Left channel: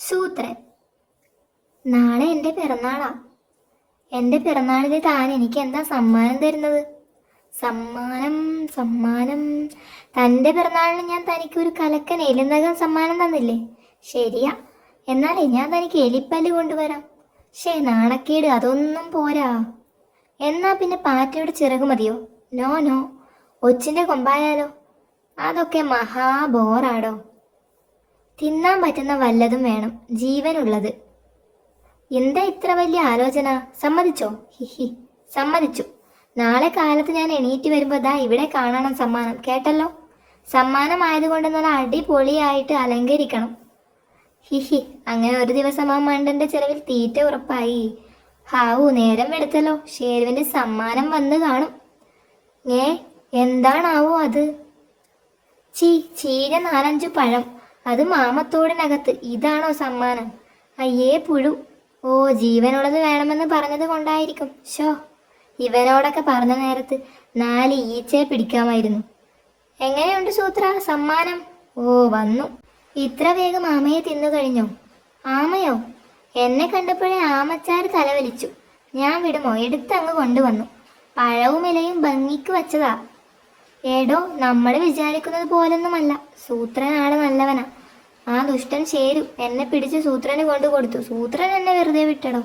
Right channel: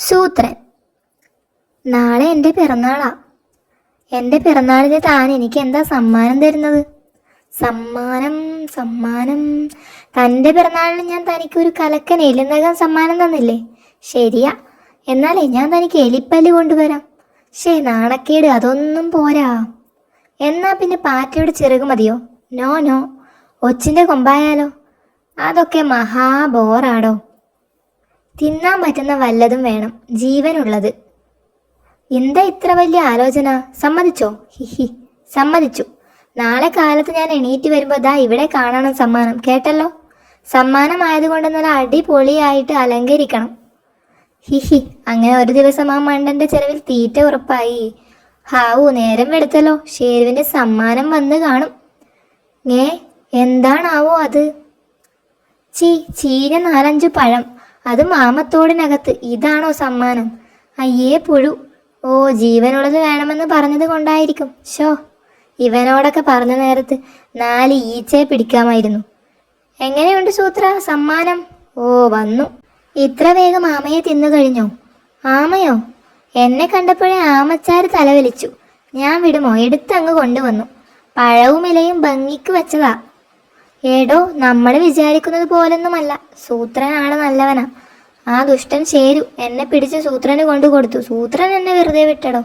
സൂത്രൻ. നാളെ എൻ്റെ പിറന്നാളാ. എൻ്റെ പിറന്നാളിന് താൻ എനിക്ക് എന്താ സമ്മാനം തരുന്നത്? സമ്മാനം സമ്മാനം തൻ്റെ പിറന്നാളിന് ഞാൻ തനിക്കൊരു കലക്കൻ എലിനകം സമ്മാനം തന്നില്ലേ? ശരിയാ, എന്നാലേ ഞാൻ തനിക്ക് എലിപ്പല്ല് കൊണ്ടുവരാം. നാണക്കേട്, അതൊന്നും പോരാ. എന്നാ പിന്നെ പാറ്റയുടെ ചിറക് മതിയോ? നോ നോ, ഒച്ചിൻ്റെ കൊമ്പായാലോ? അതൊക്കെ മഹാബോറാടോ. തിന്നാൻ പറ്റുന്ന വല്ലതും വേണം, ജീവനുള്ളത്. എന്താ ഇത്ര വലിയ ആലോചന? സമ്മതിച്ചോ? ഹിഹി, സമ്മതിച്ചു. നാളെ കാലത്ത് ഞാൻ എണീറ്റ് വരുമ്പോൾ ദാ ഇവിടെ കാണണം സമ്മാനം, കേട്ടല്ലോ? സമ്മാനമായതുകൊണ്ട് നല്ല അടിപൊളിയായിട്ട് അലങ്കരിക്കണം. ഹിഹി. അങ്ങനെ ഒരു ദിവസം ആ മണ്ടന്റെ ചെലവിൽ തീറ്റ ഉറപ്പായി. ഹാവു, നേരം വെളുത്തല്ലോ. ഷേരുവിന്റെ സമ്മാനം വന്ന് കാണും. എന്താണാവോ അത്? ചീഞ്ഞ 4-5 പഴം, അത് മാമത്തോടിനകത്ത്. ഇതാണോ സമ്മാനം? അയ്യേ പുഴു. ഓ, ജീവനുള്ളത് വേണമെന്ന് പറഞ്ഞത് കൊണ്ടായിരിക്കും. ഇവനോടൊക്കെ പറഞ്ഞ നേരത്ത് 4 ഈച്ചയെ പിടിക്കാമായിരുന്നു. എങ്ങനെയുണ്ട് സൂത്ര സമ്മാനം? ഓ, വന്നു. ഇത്ര വേഗം ആമയെ തിന്നു കഴിഞ്ഞോ? ആമയോ? എന്നെ കണ്ടപ്പോഴേ ആമച്ചാര് തലവലിച്ചു. ഞാൻ വിടുമോ? എടുത്തങ്ങ് കൊണ്ടുവന്നു. പഴവും ഇലയും ഭംഗിക്ക് വെച്ചതാ. ഏടോ, നമ്മൾ വിചാരിക്കുന്നത് പോലൊന്നുമല്ല. സൂത്രനാണ് നല്ലവനാ. ആ ദുഷ്ടൻ ശേരു എന്നെ പിടിച്ച് സൂത്രന് കൊണ്ടു കൊടുത്തു. സൂത്രൻ എന്നെ വെറുതെ വിട്ടടോ.